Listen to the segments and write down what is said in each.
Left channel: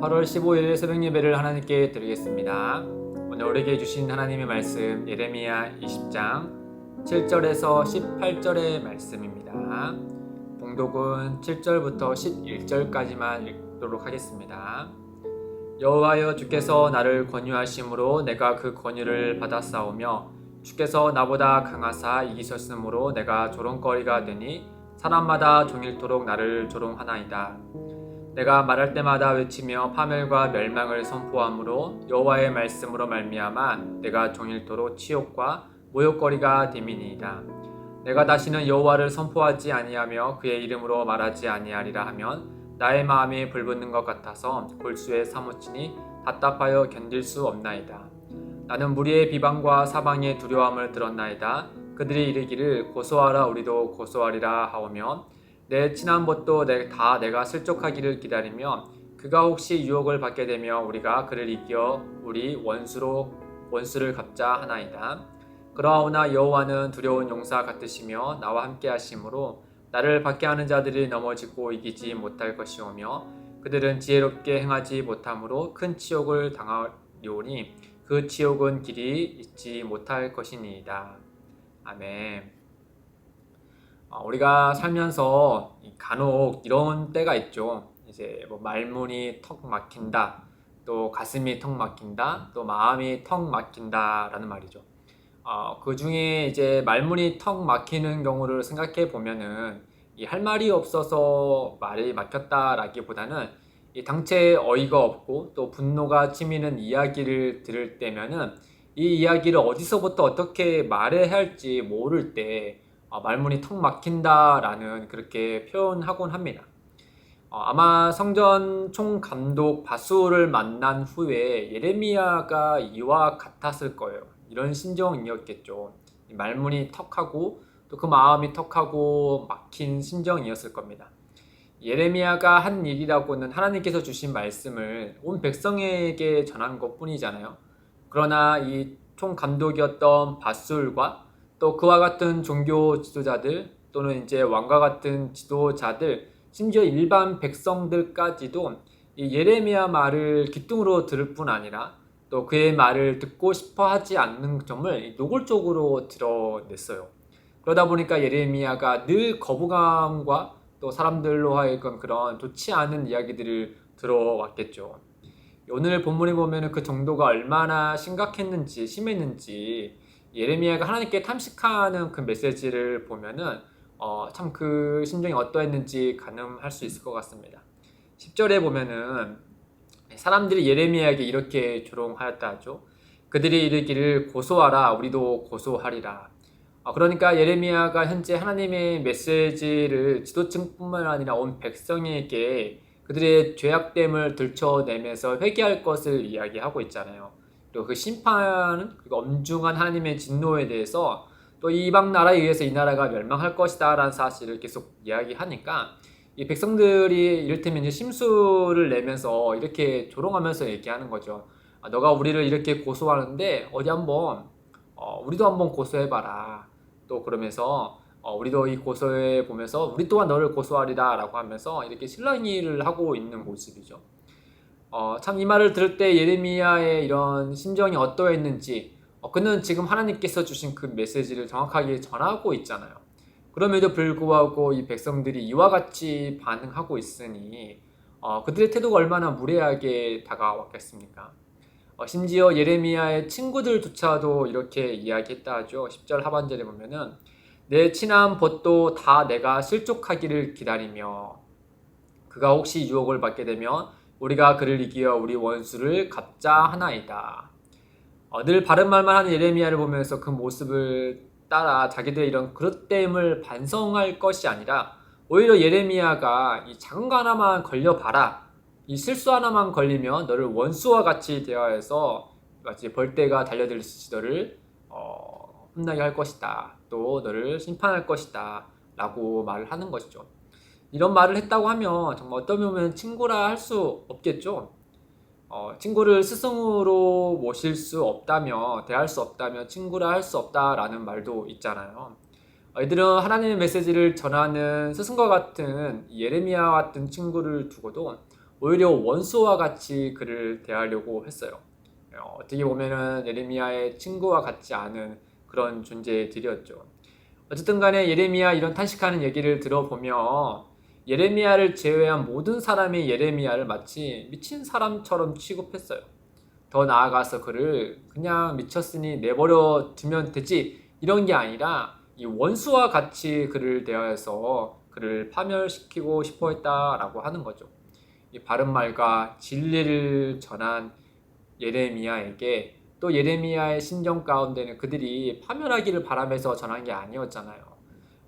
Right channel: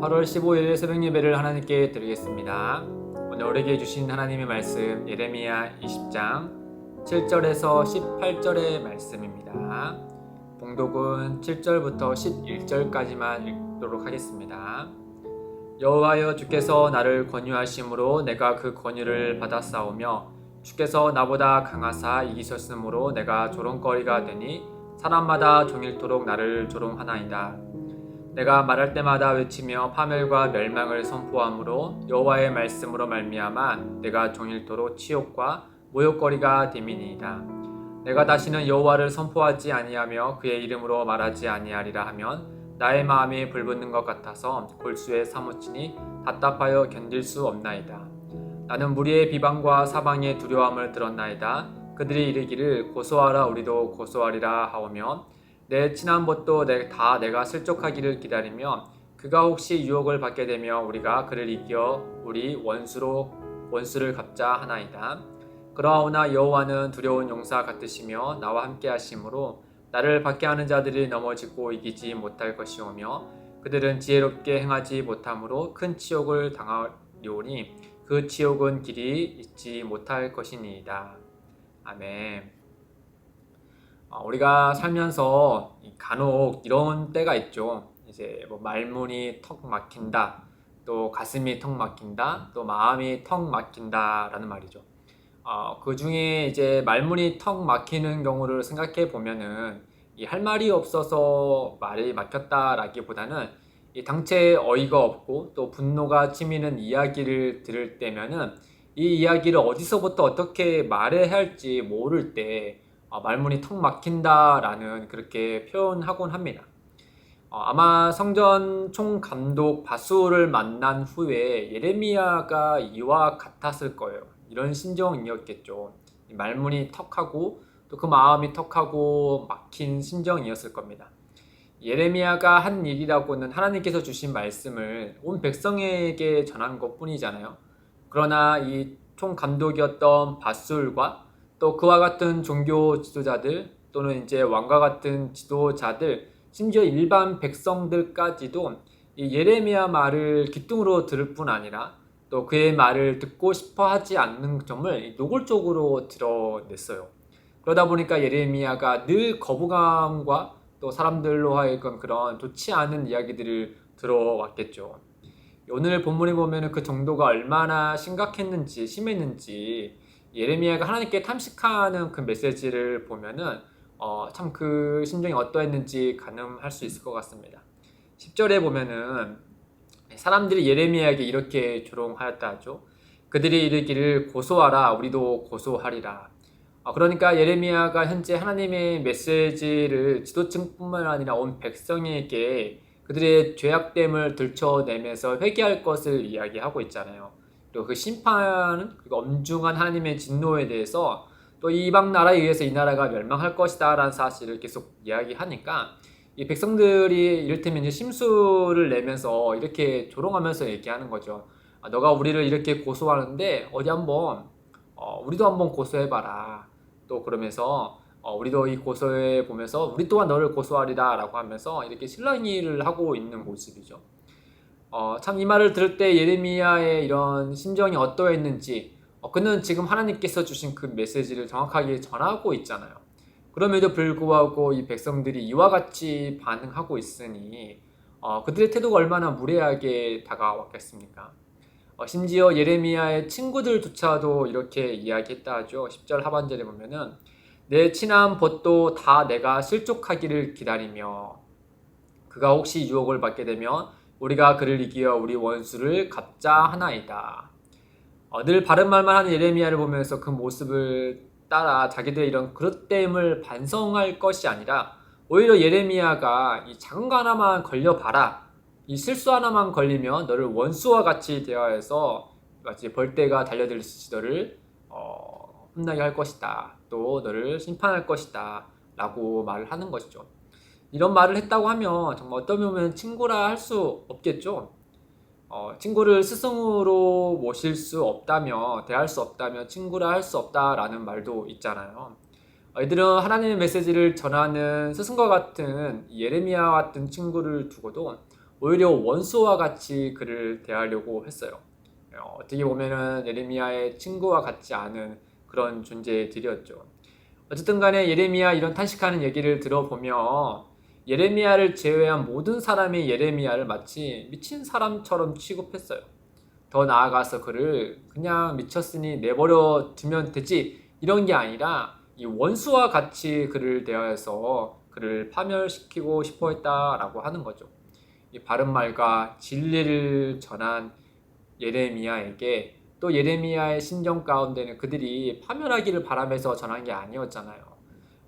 8월 15일 새벽 예배를 하나님께 드리겠습니다. 오늘 우리에게 주신 하나님의 말씀 예레미야 20장 7절에서 18절의 말씀입니다. 봉독은 7절부터 11절까지만 읽도록 하겠습니다. 여호와여, 주께서 나를 권유하심으로 내가 그 권유를 받았사오며 주께서 나보다 강하사 이기셨으므로 내가 조롱거리가 되니 사람마다 종일토록 나를 조롱하나이다. 내가 말할 때마다 외치며 파멸과 멸망을 선포함으로 여호와의 말씀으로 말미암아 내가 종일토록 치욕과 모욕거리가 됨이니이다. 내가 다시는 여호와를 선포하지 아니하며 그의 이름으로 말하지 아니하리라 하면 나의 마음이 불붙는 것 같아서 골수에 사무치니 답답하여 견딜 수 없나이다. 나는 무리의 비방과 사방의 두려움을 들었나이다. 그들이 이르기를 고소하라, 우리도 고소하리라 하오며 내 친한 벗도 다 내가 실족하기를 기다리며 그가 혹시 유혹을 받게 되며 우리가 그를 이겨 우리 원수를 갚자 하나이다. 그러하오나 여호와는 두려운 용사 같으시며 나와 함께 하심으로 나를 박해하는 자들이 넘어지고 이기지 못할 것이오며 그들은 지혜롭게 행하지 못함으로 큰 치욕을 당하리오니 그 치욕은 길이 잊지 못할 것이니이다. 아멘. 우리가 살면서 간혹 이런 때가 있죠. 이제 뭐 말문이 턱 막힌다, 또 가슴이 턱 막힌다, 또 마음이 턱 막힌다라는 말이죠. 그 중에 이제 말문이 턱 막히는 경우를 생각해 보면은 이 할 말이 없어서 말이 막혔다라기보다는 이 당최 어이가 없고 또 분노가 치미는 이야기를 들을 때면은 이 이야기를 어디서부터 어떻게 말해야 할지 모를 때 말문이 턱 막힌다라는 그렇게 표현하곤 합니다. 아마 성전 총감독 바수를 만난 후에 예레미야가 이와 같았을 거예요. 이런 심정이었겠죠. 말문이 턱하고 또 그 마음이 턱하고 막힌 심정이었을 겁니다. 예레미야가 한 일이라고는 하나님께서 주신 말씀을 온 백성에게 전한 것뿐이잖아요. 그러나 이 총감독이었던 바술과 또 그와 같은 종교 지도자들 또는 이제 왕과 같은 지도자들, 심지어 일반 백성들까지도 이 예레미야 말을 귀뚱으로 들을 뿐 아니라 또 그의 말을 듣고 싶어 하지 않는 점을 노골적으로 드러냈어요. 그러다 보니까 예레미야가 늘 거부감과 또 사람들로 하여금 그런 좋지 않은 이야기들을 들어왔겠죠. 오늘 본문에 보면 그 정도가 얼마나 심각했는지, 심했는지 예레미야가 하나님께 탐식하는 그 메시지를 보면은 참 그 심정이 어떠했는지 가늠할 수 있을 것 같습니다. 10절에 보면은 사람들이 예레미야에게 이렇게 조롱하였다 하죠. 그들이 이르기를 고소하라, 우리도 고소하리라. 그러니까 예레미야가 현재 하나님의 메시지를 지도층뿐만 아니라 온 백성에게 그들의 죄악됨을 들춰내면서 회개할 것을 이야기하고 있잖아요. 또 그 심판은 그 엄중한 하나님의 진노에 대해서 또 이방 나라에 의해서 이 나라가 멸망할 것이다 라는 사실을 계속 이야기하니까 이 백성들이 이를테면 이제 심수를 내면서 이렇게 조롱하면서 얘기하는 거죠. 너가 우리를 이렇게 고소하는데 어디 한번 우리도 한번 고소해봐라. 또 그러면서 우리도 이 고소해 보면서 우리 또한 너를 고소하리라 라고 하면서 이렇게 실랑이를 하고 있는 모습이죠. 참 이 말을 들을 때 예레미야의 이런 심정이 어떠했는지 그는 지금 하나님께서 주신 그 메시지를 정확하게 전하고 있잖아요. 그럼에도 불구하고 이 백성들이 이와 같이 반응하고 있으니 그들의 태도가 얼마나 무례하게 다가왔겠습니까? 심지어 예레미야의 친구들조차도 이렇게 이야기했다 하죠. 10절 하반절에 보면은 내 친한 벗도 다 내가 실족하기를 기다리며 그가 혹시 유혹을 받게 되면 우리가 그를 이기어 우리 원수를 갚자 하나이다. 늘 바른 말만 하는 예레미야를 보면서 그 모습을 따라 자기들의 이런 그릇됨을 반성할 것이 아니라 오히려 예레미야가 이 작은 거 하나만 걸려봐라. 이 실수 하나만 걸리면 너를 원수와 같이 대하여서 마치 벌떼가 달려들듯이 너를 혼나게 할 것이다. 또 너를 심판할 것이다. 라고 말을 하는 것이죠. 이런 말을 했다고 하면 정말 어떤 면은 친구라 할 수 없겠죠. 친구를 스승으로 모실 수 없다며 대할 수 없다며 친구라 할 수 없다라는 말도 있잖아요. 이들은 하나님의 메시지를 전하는 스승과 같은 예레미야 같은 친구를 두고도 오히려 원수와 같이 그를 대하려고 했어요. 어떻게 보면은 예레미야의 친구와 같지 않은 그런 존재들이었죠. 어쨌든 간에 예레미야 이런 탄식하는 얘기를 들어보면 예레미야를 제외한 모든 사람이 예레미야를 마치 미친 사람처럼 취급했어요. 더 나아가서 그를 그냥 미쳤으니 내버려 두면 되지 이런 게 아니라 이 원수와 같이 그를 대하여서 그를 파멸시키고 싶어 했다라고 하는 거죠. 이 바른말과 진리를 전한 예레미야에게 또 예레미야의 심정 가운데는 그들이 파멸하기를 바라면서 전한 게 아니었잖아요.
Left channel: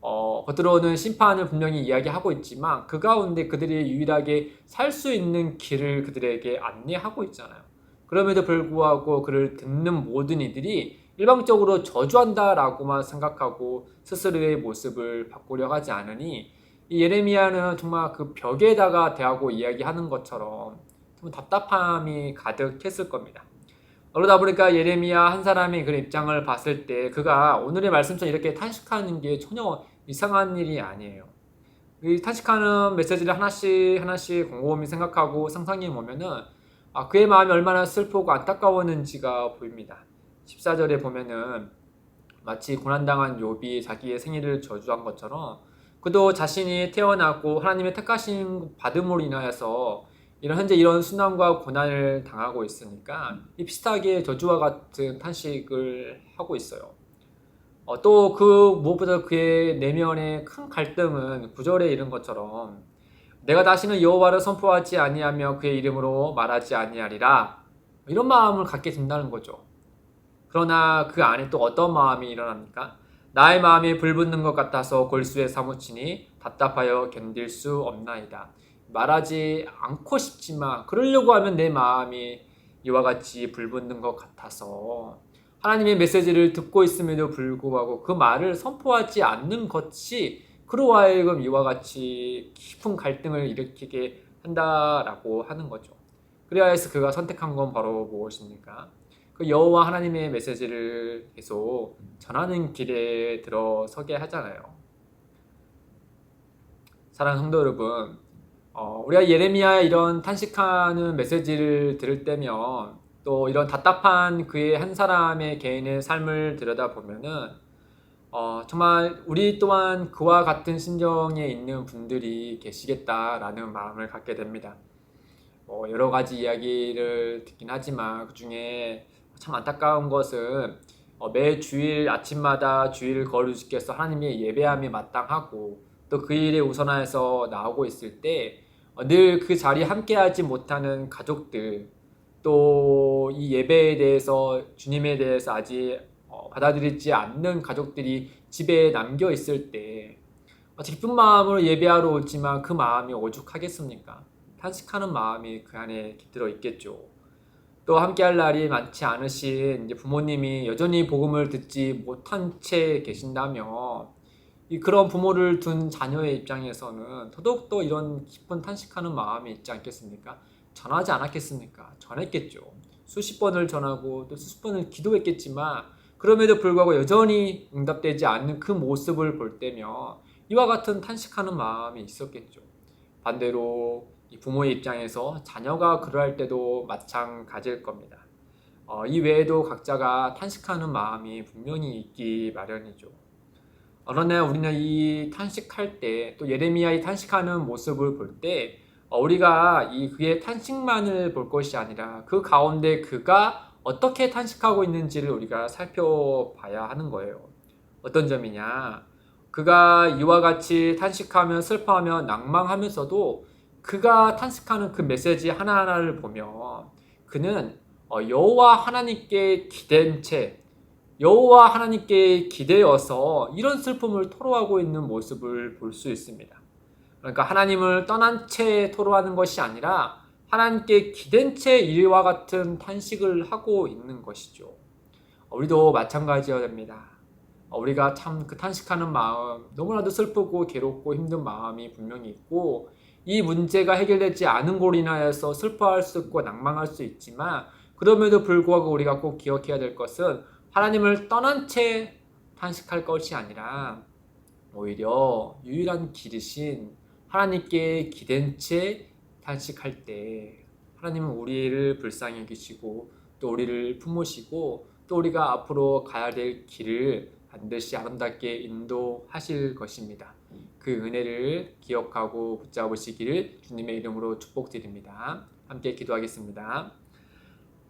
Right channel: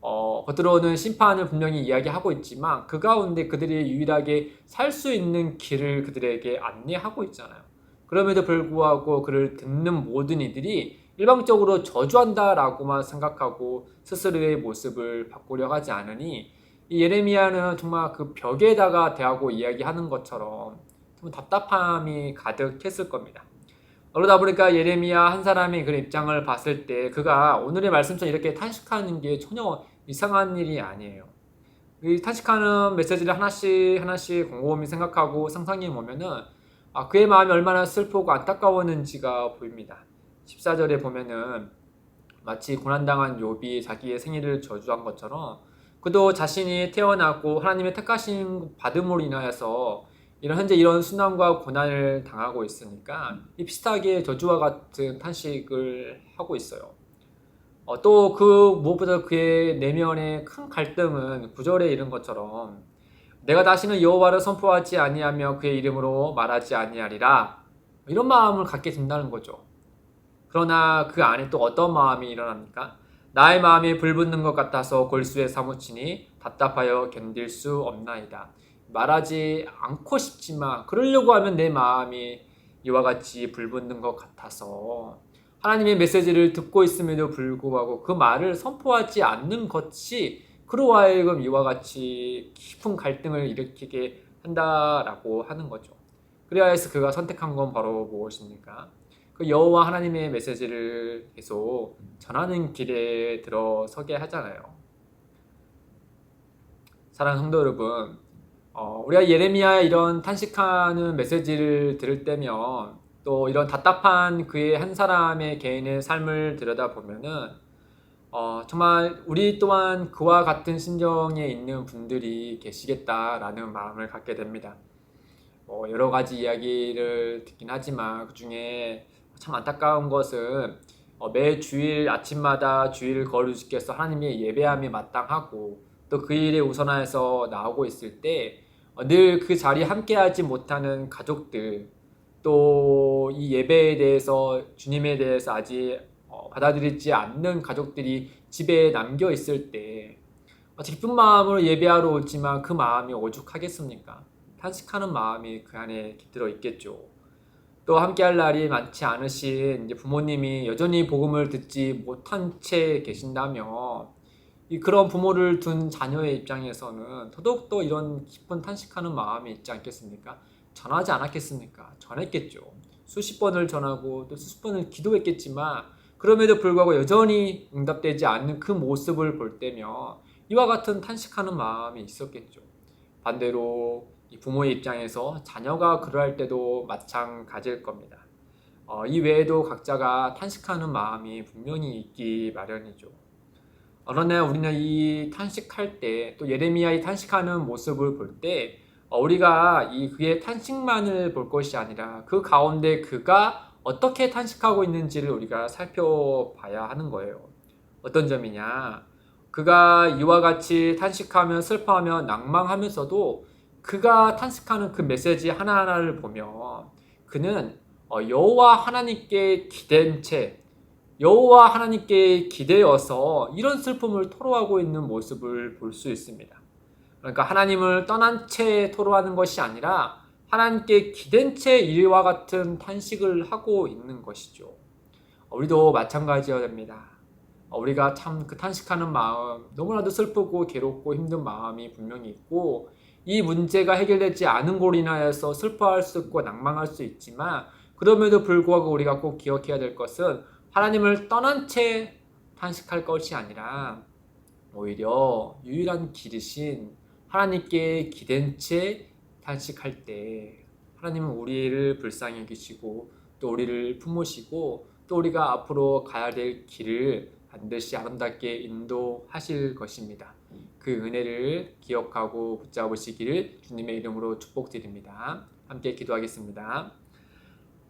겉으로는 심판을 분명히 이야기하고 있지만 그 가운데 그들이 유일하게 살 수 있는 길을 그들에게 안내하고 있잖아요. 그럼에도 불구하고 그를 듣는 모든 이들이 일방적으로 저주한다라고만 생각하고 스스로의 모습을 바꾸려 하지 않으니 이 예레미야는 정말 그 벽에다가 대하고 이야기하는 것처럼 좀 답답함이 가득했을 겁니다. 그러다 보니까 예레미야 한 사람이 그런 입장을 봤을 때 그가 오늘의 말씀처럼 이렇게 탄식하는 게 전혀 이상한 일이 아니에요. 이 탄식하는 메시지를 하나씩 하나씩 곰곰이 생각하고 상상해 보면은 그의 마음이 얼마나 슬프고 안타까웠는지가 보입니다. 14절에 보면은 마치 고난당한 욥이 자기의 생일을 저주한 것처럼 그도 자신이 태어나고 하나님의 택하심 받음으로 인하여서 현재 이런 순환과 고난을 당하고 있으니까 이 비슷하게 저주와 같은 탄식을 하고 있어요. 또 그 무엇보다 그의 내면의 큰 갈등은 9절에 이른 것처럼 내가 다시는 여호와를 선포하지 아니하며 그의 이름으로 말하지 아니하리라 이런 마음을 갖게 된다는 거죠. 그러나 그 안에 또 어떤 마음이 일어납니까? 나의 마음이 불붙는 것 같아서 골수에 사무치니 답답하여 견딜 수 없나이다. 말하지 않고 싶지만 그러려고 하면 내 마음이 이와 같이 불붙는 것 같아서 하나님의 메시지를 듣고 있음에도 불구하고 그 말을 선포하지 않는 것이 그로 하여금 이와 같이 깊은 갈등을 일으키게 한다라고 하는 거죠. 그래야 해서 그가 선택한 건 바로 무엇입니까? 그 여호와 하나님의 메시지를 계속 전하는 길에 들어서게 하잖아요. 사랑하는 성도 여러분, 우리가 예레미야의 이런 탄식하는 메시지를 들을 때면 또 이런 답답한 그의 한 사람의 개인의 삶을 들여다보면은 정말 우리 또한 그와 같은 심정에 있는 분들이 계시겠다라는 마음을 갖게 됩니다. 여러 가지 이야기를 듣긴 하지만 그 중에 참 안타까운 것은 매 주일 아침마다 주일을 거룩주께서 하나님의 예배함이 마땅하고 또 그 일에 우선하여서 나오고 있을 때 늘 그 자리에 함께하지 못하는 가족들 또 이 예배에 대해서 주님에 대해서 아직 받아들이지 않는 가족들이 집에 남겨 있을 때 기쁜 마음으로 예배하러 오지만 그 마음이 오죽하겠습니까? 탄식하는 마음이 그 안에 깃들어 있겠죠. 또 함께할 날이 많지 않으신 이제 부모님이 여전히 복음을 듣지 못한 채 계신다면 그런 부모를 둔 자녀의 입장에서는 더더욱더 이런 깊은 탄식하는 마음이 있지 않겠습니까? 전하지 않았겠습니까? 전했겠죠. 수십 번을 전하고 또 수십 번을 기도했겠지만 그럼에도 불구하고 여전히 응답되지 않는 그 모습을 볼 때면 이와 같은 탄식하는 마음이 있었겠죠. 반대로 이 부모의 입장에서 자녀가 그러할 때도 마찬가지일 겁니다. 이 외에도 각자가 탄식하는 마음이 분명히 있기 마련이죠. 그러나 우리는 이 탄식할 때 또 예레미야의 탄식하는 모습을 볼 때 우리가 그의 탄식만을 볼 것이 아니라 그 가운데 그가 어떻게 탄식하고 있는지를 우리가 살펴봐야 하는 거예요. 어떤 점이냐? 그가 이와 같이 탄식하며 슬퍼하며 낭망하면서도 그가 탄식하는 그 메시지 하나하나를 보면 그는 여호와 하나님께 기댄 채 여호와 하나님께 기대어서 이런 슬픔을 토로하고 있는 모습을 볼 수 있습니다. 그러니까 하나님을 떠난 채 토로하는 것이 아니라 하나님께 기댄 채 이와 같은 탄식을 하고 있는 것이죠. 우리도 마찬가지여야 됩니다. 우리가 참 그 탄식하는 마음, 너무나도 슬프고 괴롭고 힘든 마음이 분명히 있고 이 문제가 해결되지 않은 걸로 인하여서 슬퍼할 수 있고 낭망할 수 있지만 그럼에도 불구하고 우리가 꼭 기억해야 될 것은 하나님을 떠난 채 탄식할 것이 아니라 오히려 유일한 길이신 하나님께 기댄 채 탄식할 때 하나님은 우리를 불쌍히 여기시고 또 우리를 품으시고 또 우리가 앞으로 가야 될 길을 반드시 아름답게 인도하실 것입니다. 그 은혜를 기억하고 붙잡으시기를 주님의 이름으로 축복드립니다. 함께 기도하겠습니다.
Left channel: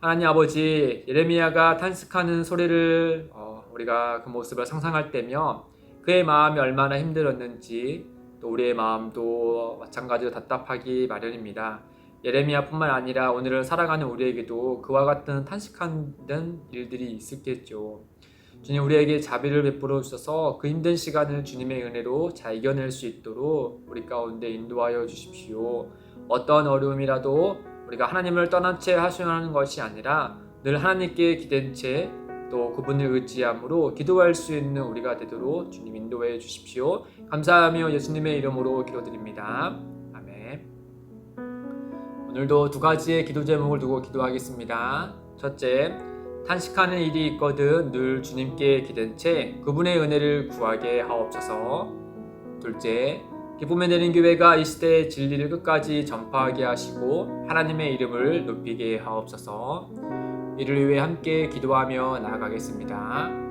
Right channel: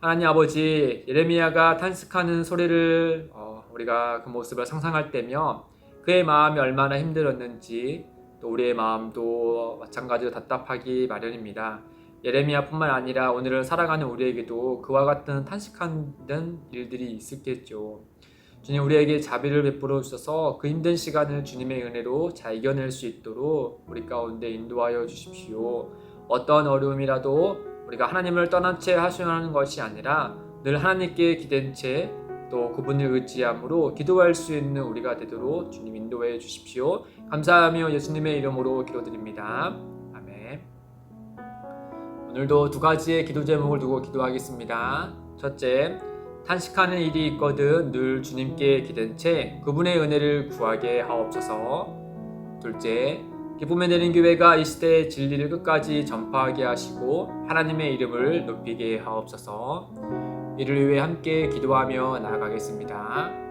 하나님 아버지, 예레미야가 탄식하는 소리를 우리가 그 모습을 상상할 때면 그의 마음이 얼마나 힘들었는지 또 우리의 마음도 마찬가지로 답답하기 마련입니다. 예레미야뿐만 아니라 오늘을 살아가는 우리에게도 그와 같은 탄식하는 일들이 있었겠죠. 주님, 우리에게 자비를 베풀어 주셔서 그 힘든 시간을 주님의 은혜로 잘 이겨낼 수 있도록 우리 가운데 인도하여 주십시오. 어떤 어려움이라도 우리가 하나님을 떠난 채 하소연하는 것이 아니라 늘 하나님께 기댄 채 또 그분을 의지함으로 기도할 수 있는 우리가 되도록 주님 인도해 주십시오. 감사하며 예수님의 이름으로 기도드립니다. 아멘. 오늘도 두 가지의 기도 제목을 두고 기도하겠습니다. 첫째, 탄식하는 일이 있거든 늘 주님께 기댄 채 그분의 은혜를 구하게 하옵소서. 둘째, 기쁨의 내린 교회가 이 시대의 진리를 끝까지 전파하게 하시고 하나님의 이름을 높이게 하옵소서. 이를 위해 함께 기도하며 나아가겠습니다.